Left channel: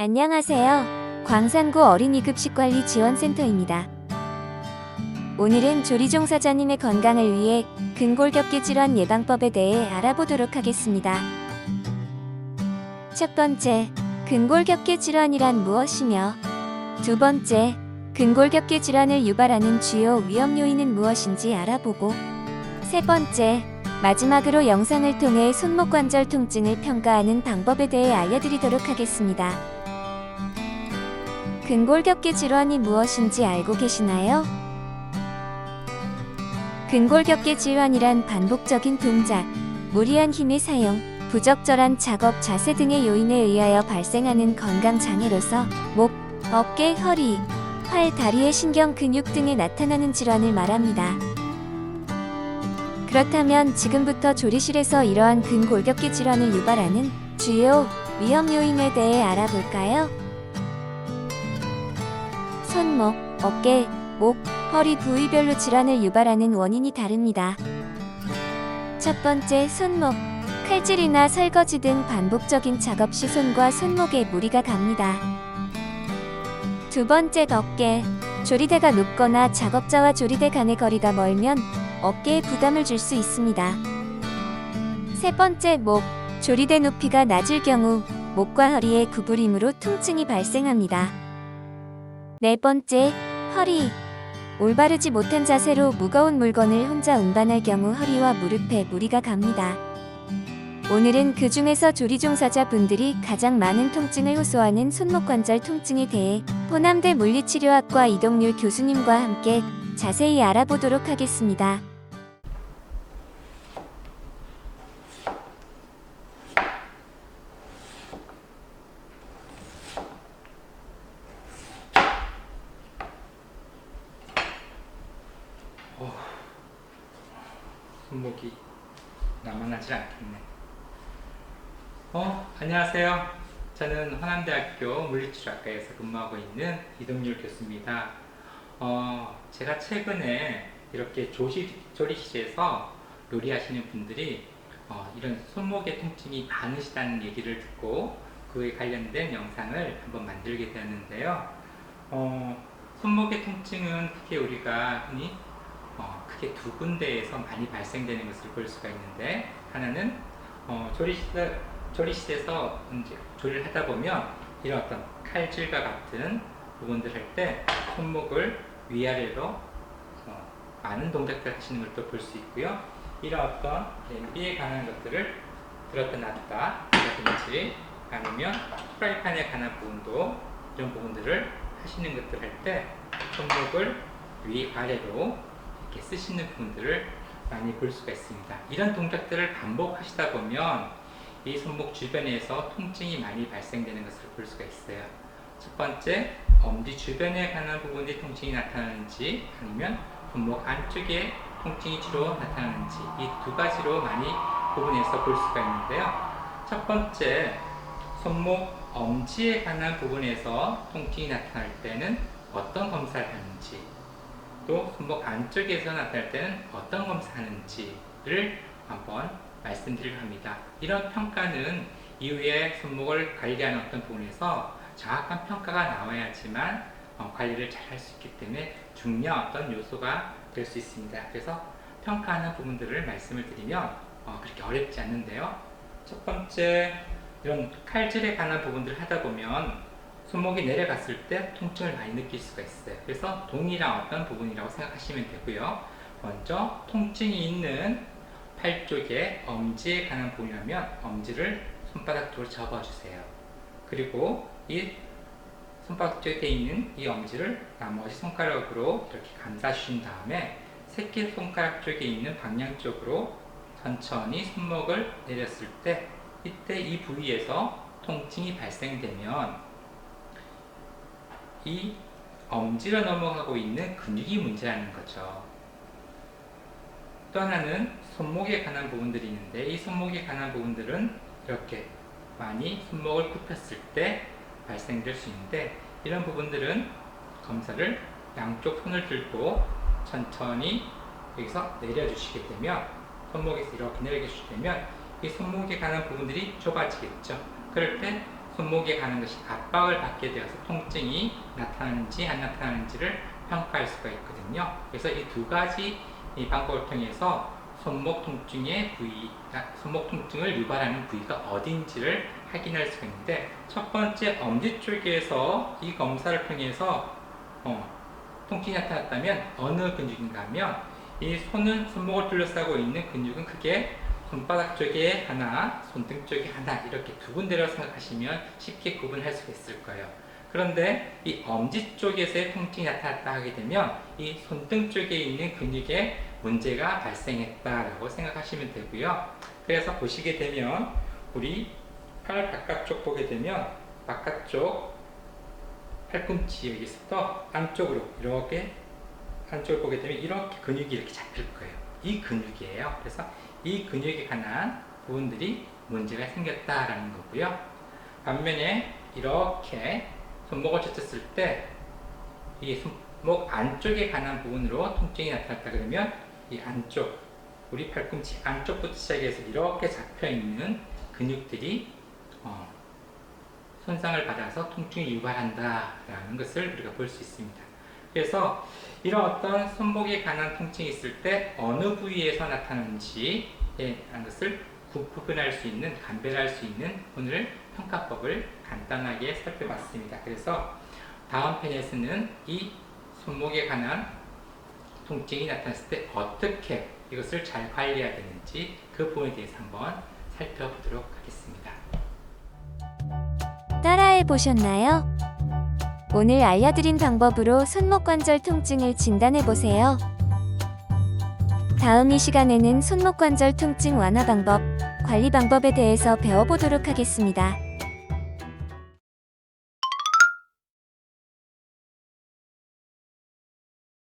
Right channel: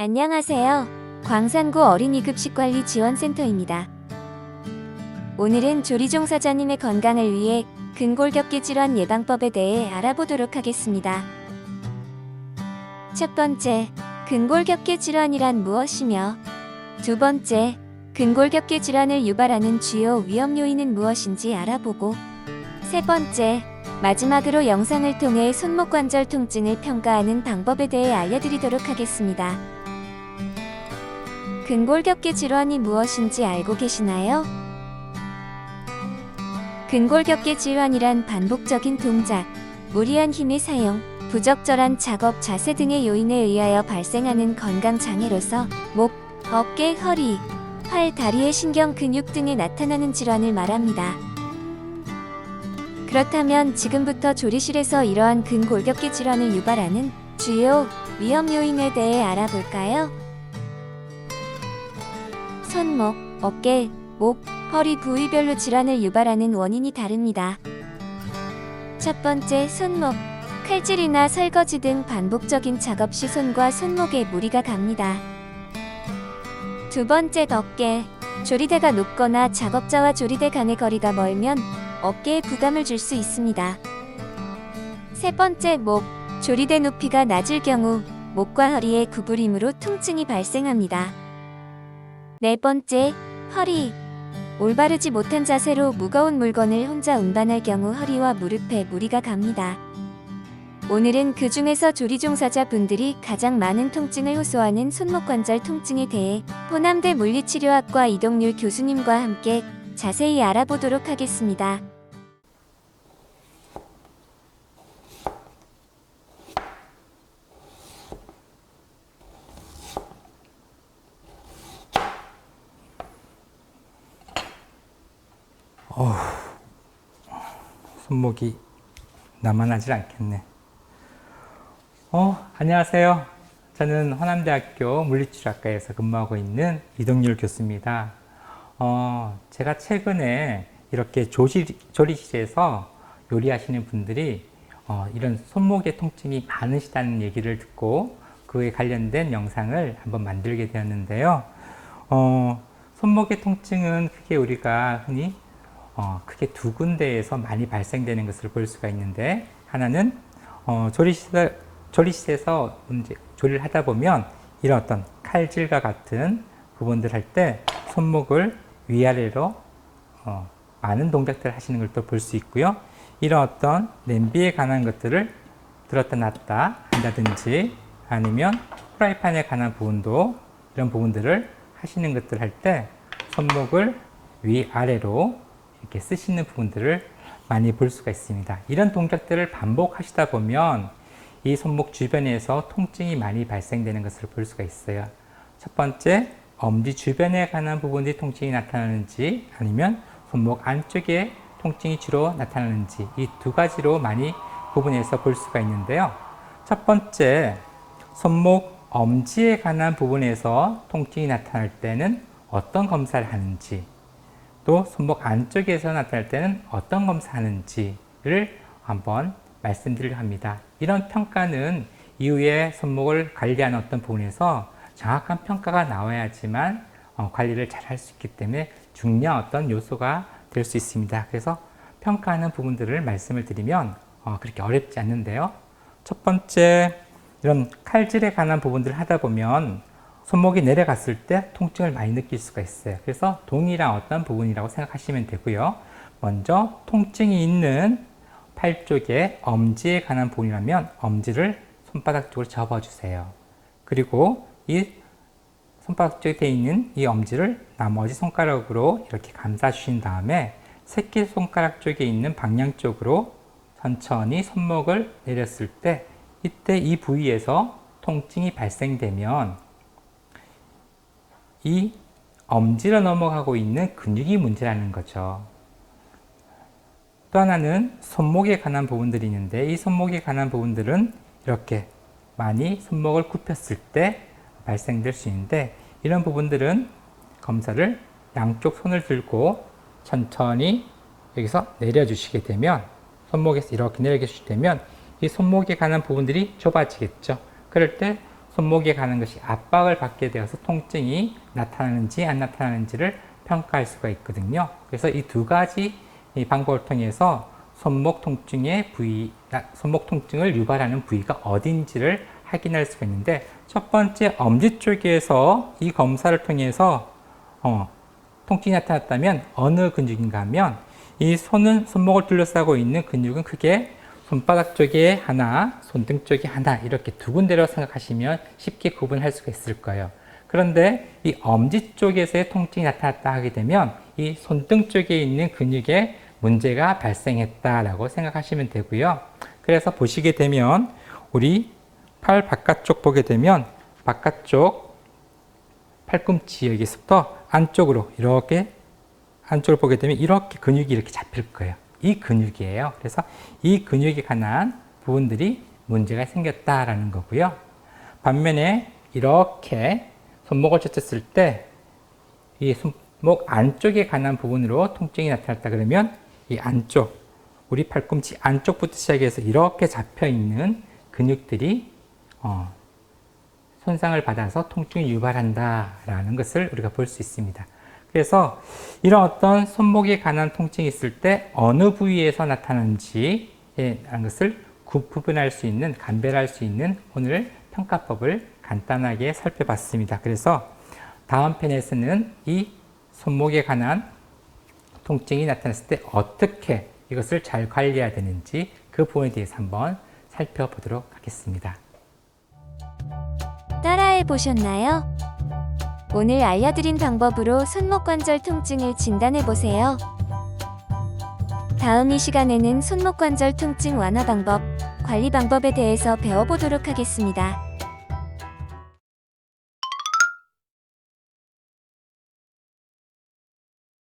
안녕하세요. 광산구 어린이급식관리지원센터입니다. 오늘은 조리종사자님의 건강을 위해 근골격계 질환 예방법에 대해 알아보도록 하겠습니다. 첫 번째, 근골격계 질환이란 무엇이며, 두 번째, 근골격계 질환을 유발하는 주요 위험 요인은 무엇인지 알아보고, 세 번째, 마지막으로 영상을 통해 손목 관절 통증을 평가하는 방법에 대해 알려드리도록 하겠습니다. 근골격계 질환이 무엇인지 알고 계시나요? 근골격계 질환이란 반복적인 동작, 무리한 힘의 사용, 부적절한 작업 자세 등의 요인에 의하여 발생하는 건강장애로서 목, 어깨, 허리, 팔, 다리의 신경 근육 등에 나타나는 질환을 말합니다. 그렇다면 지금부터 조리실에서 이러한 근골격계 질환을 유발하는 주요 위험 요인에 대해 알아볼까요? 손목, 어깨, 목, 허리 부위별로 질환을 유발하는 원인이 다릅니다. 첫 번째, 손목. 칼질이나 설거지 등 반복적인 작업 시 손과 손목에 무리가 갑니다. 두 번째, 어깨. 조리대가 높거나 작업자와 조리대 간의 거리가 멀면 어깨에 부담을 줄 수 있습니다. 세 번째, 목. 조리대 높이가 낮을 경우 목과 허리의 구부림으로 통증이 발생합니다. 네 번째, 허리. 올바르지 못한 자세로 무거운 물건을 혼자 운반할 경우 허리와 무릎에 무리가 갑니다. 오늘은 그 중에서 조리종사자분들이 가장 많은 통증을 호소하는 손목관절 통증에 대해 호남대 물리치료학과 이동률 교수님과 함께 자세히 알아보도록 하겠습니다. 손목이 나만하지 않겠네. 안녕하세요. 저는 호남대학교 물리치료학과에서 근무하고 있는 이동률 교수입니다. 제가 최근에 이렇게 조리실에서 요리하시는 분들이 이런 손목의 통증이 많으시다는 얘기를 듣고 그에 관련된 영상을 한번 만들게 되었는데요. 손목의 통증은 크게 우리가 흔히 크게 두 군데에서 많이 발생되는 것을 볼 수가 있는데, 하나는 조리실에서 이제 조리를 하다 보면 이런 어떤 칼질과 같은 부분들 할 때 손목을 위아래로 많은 동작들을 하시는 걸 또 볼 수 있고요. 이런 어떤 냄비에 관한 것들을 들었다 놨다 한다든지, 아니면 프라이팬에 관한 부분도 이런 부분들을 하시는 것들 할 때 손목을 위아래로 이렇게 쓰시는 부분들을 많이 볼 수가 있습니다. 이런 동작들을 반복하시다 보면 이 손목 주변에서 통증이 많이 발생되는 것을 볼 수가 있어요. 첫 번째, 엄지 주변에 관한 부분이 통증이 나타나는지, 아니면 손목 안쪽에 통증이 주로 나타나는지, 이 두 가지로 많이 부분에서 볼 수가 있는데요. 첫 번째, 손목 엄지에 관한 부분에서 통증이 나타날 때는 어떤 검사를 하는지, 또 손목 안쪽에서 나타날 때는 어떤 검사하는지를 한번 말씀드리려 합니다. 이런 평가는 이후에 손목을 관리하는 어떤 부분에서 정확한 평가가 나와야지만 관리를 잘 할 수 있기 때문에 중요한 어떤 요소가 될 수 있습니다. 그래서 평가하는 부분들을 말씀을 드리면 그렇게 어렵지 않는데요. 첫 번째, 이런 칼질에 관한 부분들을 하다 보면 손목이 내려갔을 때 통증을 많이 느낄 수가 있어요. 그래서 동일한 어떤 부분이라고 생각하시면 되고요. 먼저 통증이 있는 팔 쪽에 엄지에 관한 부분이라면 엄지를 손바닥 쪽으로 접어주세요. 그리고 이 손바닥 쪽에 있는 이 엄지를 나머지 손가락으로 이렇게 감싸 주신 다음에 새끼손가락 쪽에 있는 방향 쪽으로 천천히 손목을 내렸을 때, 이때 이 부위에서 통증이 발생되면 이 엄지로 넘어가고 있는 근육이 문제라는 거죠. 또 하나는 손목에 관한 부분들이 있는데, 이 손목에 관한 부분들은 이렇게 많이 손목을 굽혔을 때 발생될 수 있는데, 이런 부분들은 검사를 양쪽 손을 들고 천천히 여기서 내려주시게 되면, 손목에서 이렇게 내려주시게 되면 이 손목에 관한 부분들이 좁아지겠죠. 그럴 때 손목에 가는 것이 압박을 받게 되어서 통증이 나타나는지 안 나타나는지를 평가할 수가 있거든요. 그래서 이 두 가지 이 방법을 통해서 손목 통증의 부위, 손목 통증을 유발하는 부위가 어딘지를 확인할 수가 있는데, 첫 번째 엄지 쪽에서 이 검사를 통해서 통증이 나타났다면 어느 근육인가 하면, 이 손목을 둘러싸고 있는 근육은 크게 손바닥 쪽에 하나, 손등 쪽에 하나, 이렇게 두 군데로 생각하시면 쉽게 구분할 수가 있을 거예요. 그런데 이 엄지 쪽에서의 통증이 나타났다 하게 되면 이 손등 쪽에 있는 근육에 문제가 발생했다라고 생각하시면 되고요. 그래서 보시게 되면 우리 팔 바깥쪽 보게 되면 바깥쪽 팔꿈치 여기서부터 안쪽으로 이렇게 안쪽을 보게 되면 이렇게 근육이 이렇게 잡힐 거예요. 이 근육이에요. 그래서 이 근육에 관한 부분들이 문제가 생겼다라는 거고요. 반면에 이렇게 손목을 쳤을 때 이 손목 안쪽에 관한 부분으로 통증이 나타났다 그러면 이 안쪽, 우리 팔꿈치 안쪽부터 시작해서 이렇게 잡혀 있는 근육들이 손상을 받아서 통증이 유발한다라는 것을 우리가 볼 수 있습니다. 그래서 이런 어떤 손목에 관한 통증이 있을 때 어느 부위에서 나타나는지에 대한 것을 구분할 수 있는, 감별할 수 있는 오늘 평가법을 간단하게 살펴봤습니다. 그래서 다음 편에서는 이 손목에 관한 통증이 나타났을 때 어떻게 이것을 잘 관리해야 되는지 그 부분에 대해서 한번 살펴보도록 하겠습니다. 따라해 보셨나요? 오늘 알려드린 방법으로 손목 관절 통증을 진단해 보세요. 다음 이 시간에는 손목 관절 통증 완화 방법, 관리 방법에 대해서 배워보도록 하겠습니다.